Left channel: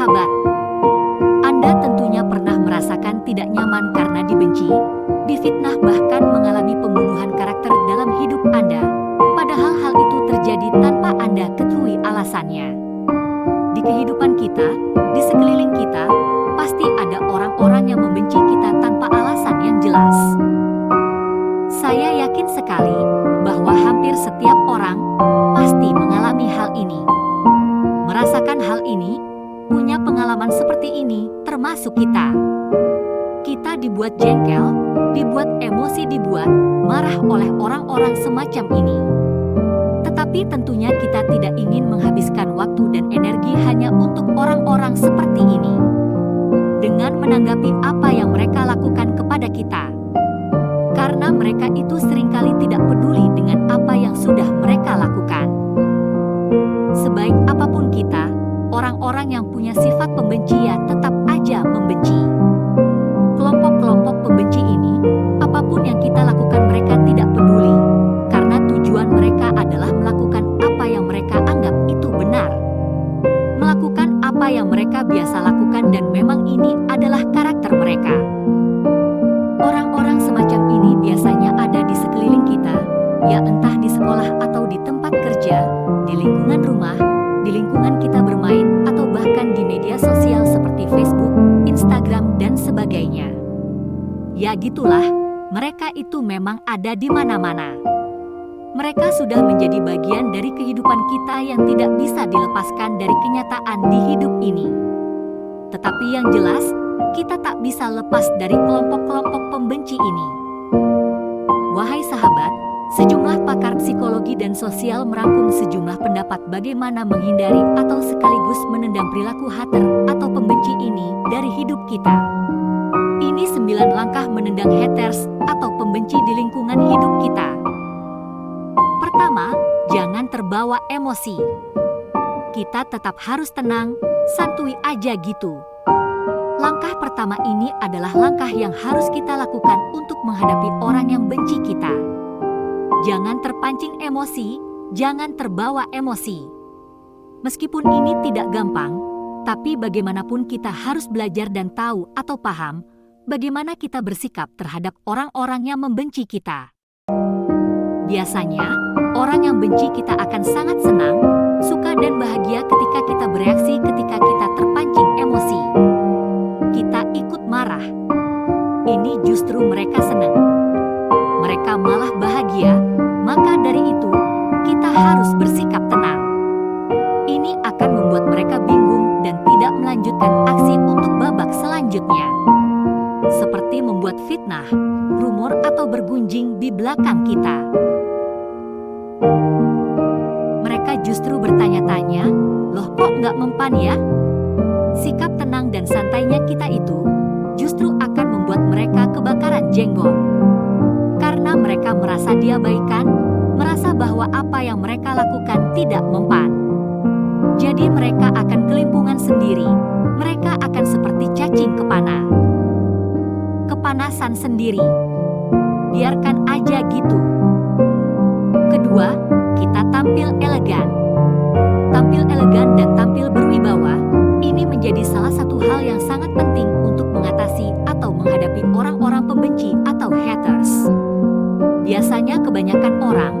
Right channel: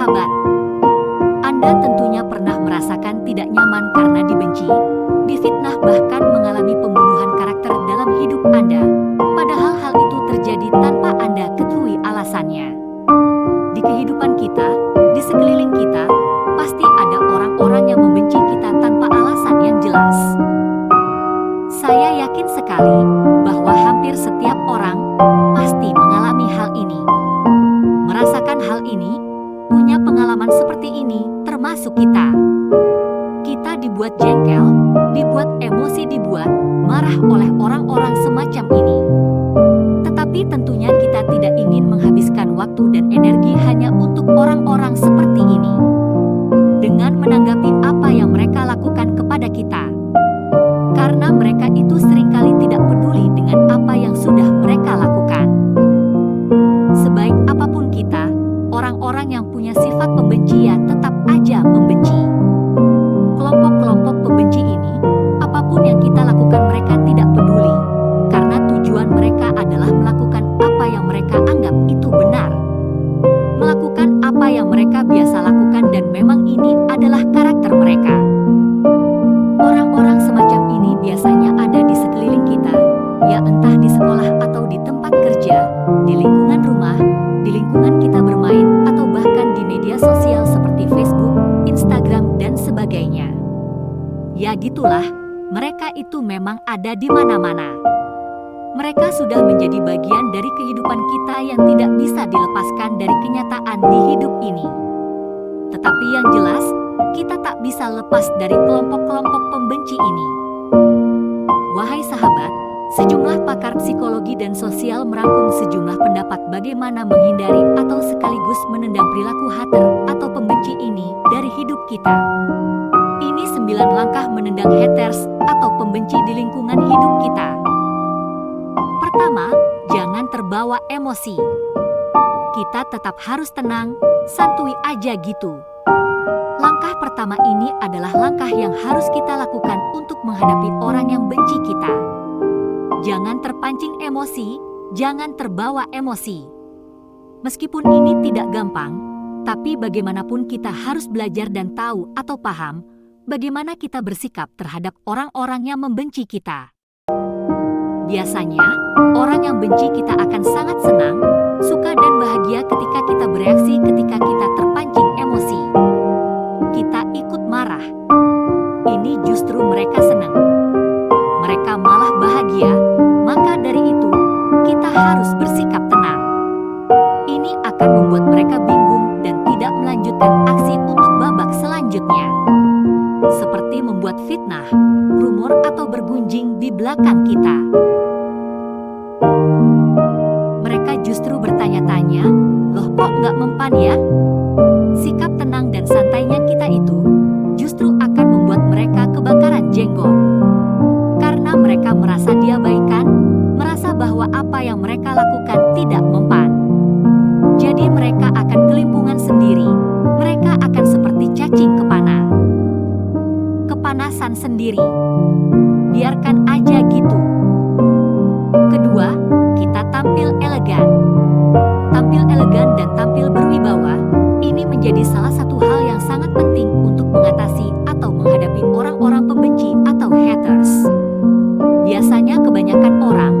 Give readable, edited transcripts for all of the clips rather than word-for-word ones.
sahabat, Anda tentunya pernah merasakan tidak nyaman karena dibenci, difitnah, bahkan mengalami pembunuhan karakter dalam hidup Anda, padahal hal itu terjadi tanpa Anda ketahui alasannya. Di kehidupan kita, di sekeliling kita, pasti ada orang-orang yang membenci kita tanpa alasan yang jelas. Saya yakin sekali bahwa hampir setiap orang pasti mengalami hal ini. Merasakan hal ini, punya pengalaman seperti ini, termasuk kita. Kita dibuat jengkel, dibuat emosi, dibuat marah oleh orang-orang semacam ini. Tetapi tentunya kita tidak ingin menghabiskan waktu dan energi hanya untuk orang-orang seperti ini. Dengan menanggapi apa yang mereka lakukan kepada kita. Karena mereka itu seringkali tidak peduli dengan apa yang sudah mereka lakukan. Sebaik apapun kita, orang-orang yang punya sifat pembenci ya tetap aja membenci. Kelompok-kelompok pembenci ini, apapun yang kita lakukan mereka tidak peduli. Karena tujuan mereka adalah melakukan apa yang mereka anggap itu benar. Melakukan apa yang mereka biasa lakukan dan memang ini adalah karakter mereka. Orang-orang semacam ini biasanya ada di sekeliling kita, ya entah di sekolah atau di tempat kerja, di lingkungan rumah, di lingkungan kita bermain, atau bahkan di media sosial seperti Facebook, Instagram, dan sebagainya. Ya gitulah, mereka itu memang ada di mana-mana. Mereka sudah menjadi bagian dari kehidupan kita yang tidak bisa dilepaskan dari kenyataan di hidup ini. Tetapi yang jelas, kita tak bisa lepas dari kelompok-kelompok pembenci ini. Wahai sahabat, sejumlah pakar psikologi dan sosial merangkum sejumlah pendapat bagaimana menghindari atau sekaligus menendang perilaku hater atau pembenci ini dari hidup kita. Ini 9 langkah menendang haters atau pembenci di lingkungan hidup kita. Pertama, jangan terbawa emosi. Kita tetap harus tenang, santuy aja gitu. Langkah pertama ini adalah langkah yang harus kita lakukan untuk menghadapi orang yang benci kita. Jangan terpancing emosi, jangan terbawa emosi. Meskipun ini tidak gampang, tapi bagaimanapun kita harus belajar dan tahu atau paham bagaimana kita bersikap terhadap orang-orang yang membenci kita. Biasanya, orang yang benci kita akan sangat senang, suka dan bahagia ketika kita bereaksi ketika kita terpancing emosi. Kita ikut marah. Ini justru mereka senang. Mereka malah bahagia, maka dari itu, kita harus bersikap tenang. Ini akan membuat mereka bingung dan tidak melanjutkan aksi untuk babak selanjutnya. Seperti membuat fitnah, rumor atau bergunjing di belakang kita. Mereka justru bertanya-tanya, loh kok nggak mempan ya? Sikap tenang dan santainya kita itu justru akan membuat mereka kebakaran jenggot. Karena mereka merasa diabaikan, merasa bahwa apa yang mereka lakukan tidak mempan. Jadi mereka akan kelimpungan sendiri, mereka akan seperti cacing kepana. Kepanasan sendiri. Biarkan aja gitu. Kedua, kita tampil elegan. Tampil elegan dan tampil berwibawa, ini menjadi salah satu hal yang sangat penting untuk mengatasi atau menghadapi orang-orang pembenci atau haters. Biasanya kebanyakan orang,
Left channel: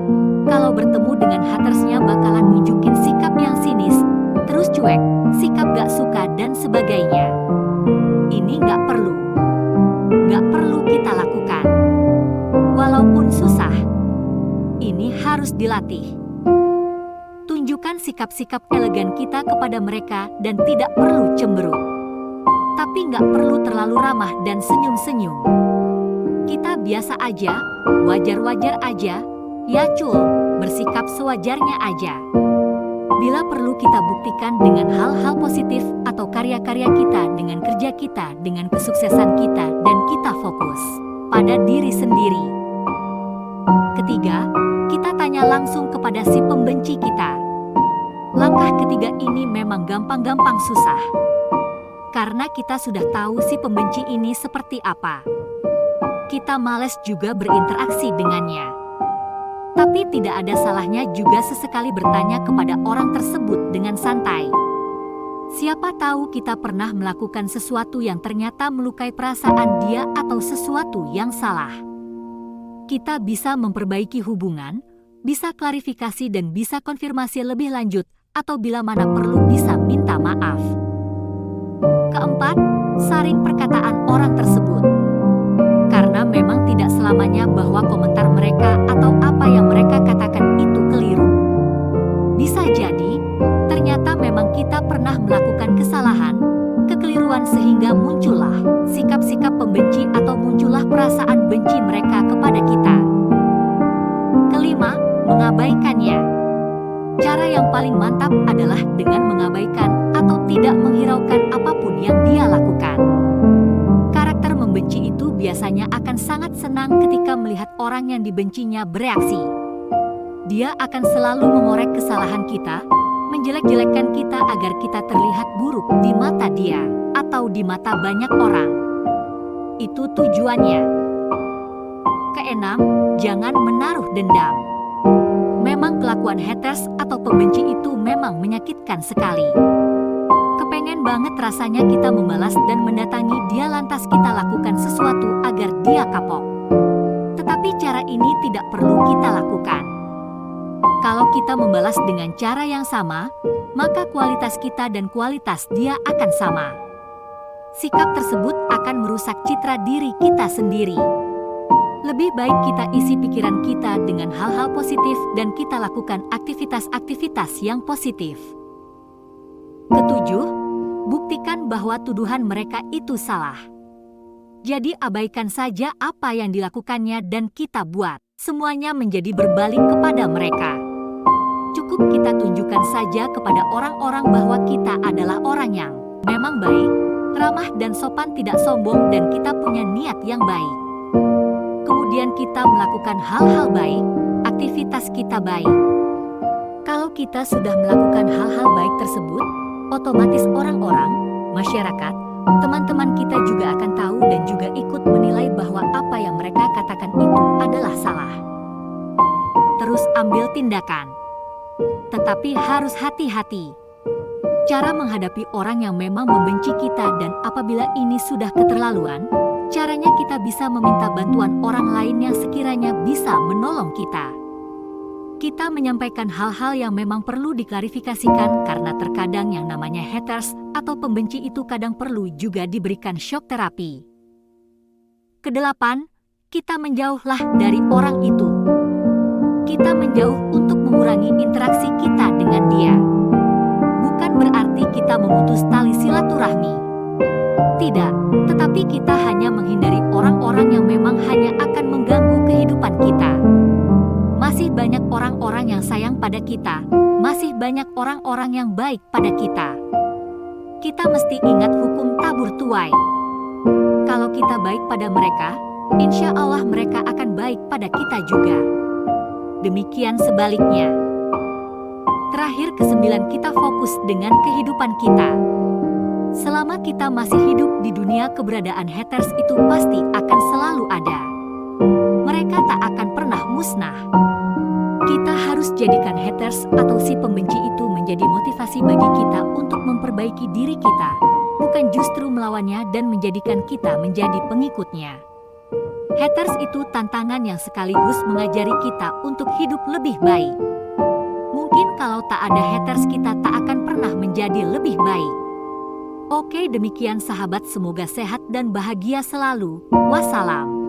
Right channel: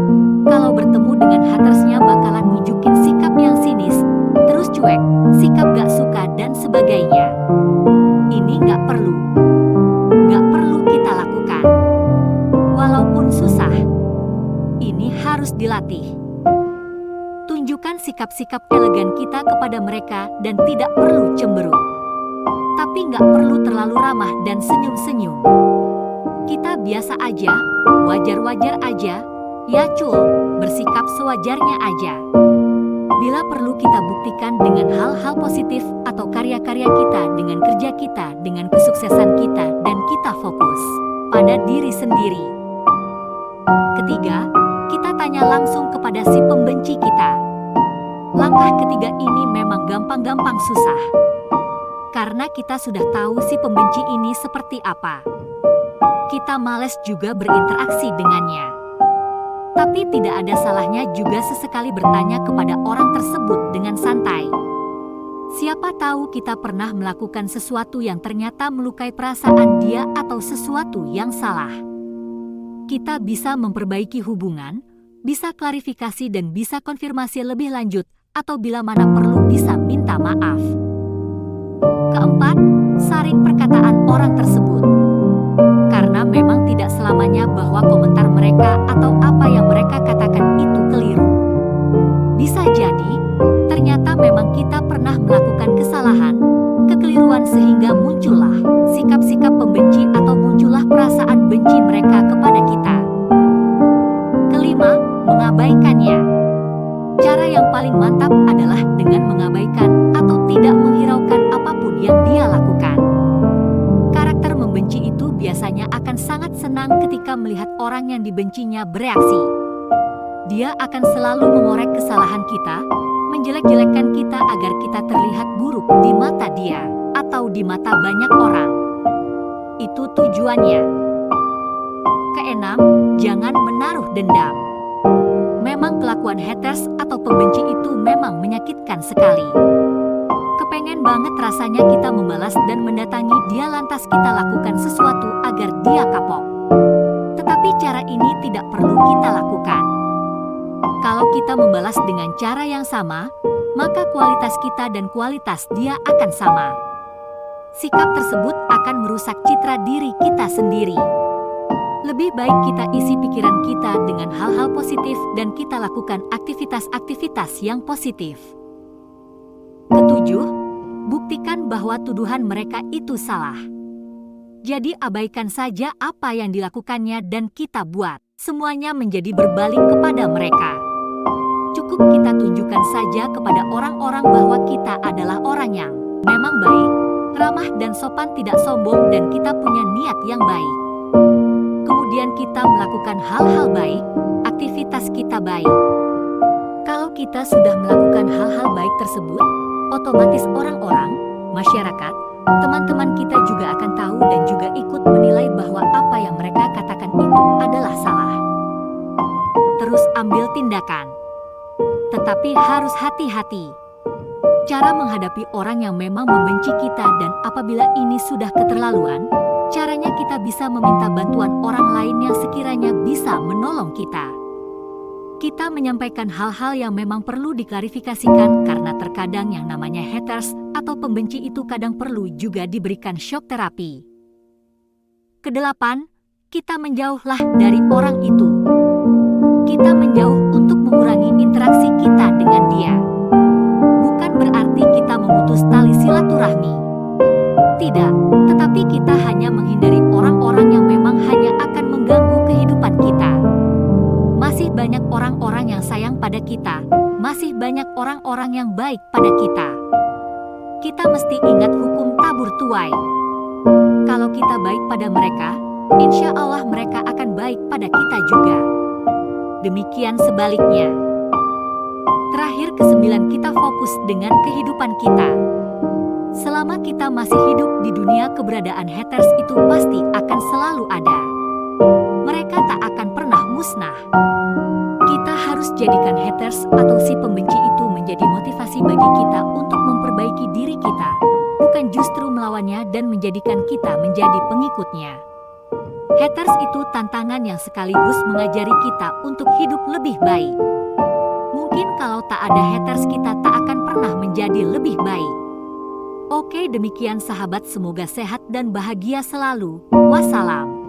kalau bertemu dengan hatersnya bakalan nunjukin sikap yang sinis, terus cuek, sikap gak suka dan sebagainya. Ini gak perlu. Gak perlu kita lakukan. Walaupun susah, ini harus dilatih. Tunjukkan sikap-sikap elegan kita kepada mereka dan tidak perlu cemberut. Tapi nggak perlu terlalu ramah dan senyum-senyum. Kita biasa aja, wajar-wajar aja, ya cul, bersikap sewajarnya aja. Bila perlu kita buktikan dengan hal-hal positif atau karya-karya kita, dengan kerja kita, dengan kesuksesan kita, dan kita fokus pada diri sendiri. Ketiga, kita tanya langsung kepada si pembenci kita. Langkah ketiga ini memang gampang-gampang susah. Karena kita sudah tahu si pembenci ini seperti apa. Kita malas juga berinteraksi dengannya. Tapi tidak ada salahnya juga sesekali bertanya kepada orang tersebut dengan santai. Siapa tahu kita pernah melakukan sesuatu yang ternyata melukai perasaan dia atau sesuatu yang salah. Kita bisa memperbaiki hubungan, bisa klarifikasi dan bisa konfirmasi lebih lanjut, atau bila mana perlu bisa minta maaf. Keempat, saring perkataan orang tersebut. Karena memang tidak selamanya bahwa komentar mereka atau apa yang mereka katakan itu keliru. Bisa jadi, ternyata memang kita pernah melakukan kesalahan, kekeliruan sehingga muncullah sikap-sikap pembenci atau muncullah perasaan benci mereka kepada kita. Kelima, mengabaikannya. Cara yang paling mantap adalah dengan mengabaikan atau tidak menghiraukan apapun yang dia lakukan. Karakter membenci itu biasanya akan sangat senang ketika melihat orang yang dibencinya bereaksi. Dia akan selalu mengorek kesalahan kita, menjelek-jelekkan kita agar kita terlihat buruk di mata dia atau di mata banyak orang. Itu tujuannya. Keenam, jangan menaruh dendam. Memang kelakuan haters atau pembenci itu memang menyakitkan sekali. Kepengen banget rasanya kita membalas dan mendatangi dia lantas kita lakukan sesuatu agar dia kapok. Tetapi cara ini tidak perlu kita lakukan. Kalau kita membalas dengan cara yang sama, maka kualitas kita dan kualitas dia akan sama. Sikap tersebut akan merusak citra diri kita sendiri. Lebih baik kita isi pikiran kita dengan hal-hal positif dan kita lakukan aktivitas-aktivitas yang positif. Ketujuh, buktikan bahwa tuduhan mereka itu salah. Jadi abaikan saja apa yang dilakukannya dan kita buat semuanya menjadi berbalik kepada mereka. Cukup kita tunjukkan saja kepada orang-orang bahwa kita adalah orang yang memang baik, ramah dan sopan, tidak sombong dan kita punya niat yang baik. Kemudian kita melakukan hal-hal baik, aktivitas kita baik. Kalau kita sudah melakukan hal-hal baik tersebut, otomatis orang-orang, masyarakat, teman-teman kita juga akan tahu dan juga ikut menilai bahwa apa yang mereka katakan itu adalah salah. Terus ambil tindakan. Tetapi harus hati-hati. Cara menghadapi orang yang memang membenci kita dan apabila ini sudah keterlaluan, caranya kita bisa meminta bantuan orang lain yang sekiranya bisa menolong kita. Kita menyampaikan hal-hal yang memang perlu diklarifikasikan karena terkadang yang namanya haters atau pembenci itu kadang perlu juga diberikan shock terapi. Kedelapan, kita menjauhlah dari orang itu. Kita menjauh untuk mengurangi interaksi kita dengan dia. Bukan berarti kita memutus tali silaturahmi. Tidak, tetapi kita hanya menghindari orang-orang yang memang hanya akan mengganggu kehidupan kita. Masih banyak orang-orang yang sayang pada kita, masih banyak orang-orang yang baik pada kita. Kita mesti ingat hukum tabur tuai. Kalau kita baik pada mereka, insya Allah mereka akan baik pada kita juga. Demikian sebaliknya. Terakhir kesembilan, kita fokus dengan kehidupan kita. Selama kita masih hidup di dunia, keberadaan haters itu pasti akan selalu ada. Mereka tak akan pernah musnah. Kita harus jadikan haters atau si pembenci itu menjadi motivasi bagi kita untuk memperbaiki diri kita, bukan justru melawannya dan menjadikan kita menjadi pengikutnya. Haters itu tantangan yang sekaligus mengajari kita untuk hidup lebih baik. Mungkin kalau tak ada haters kita tak akan pernah menjadi lebih baik. Oke, demikian sahabat, semoga sehat dan bahagia selalu. Wassalam.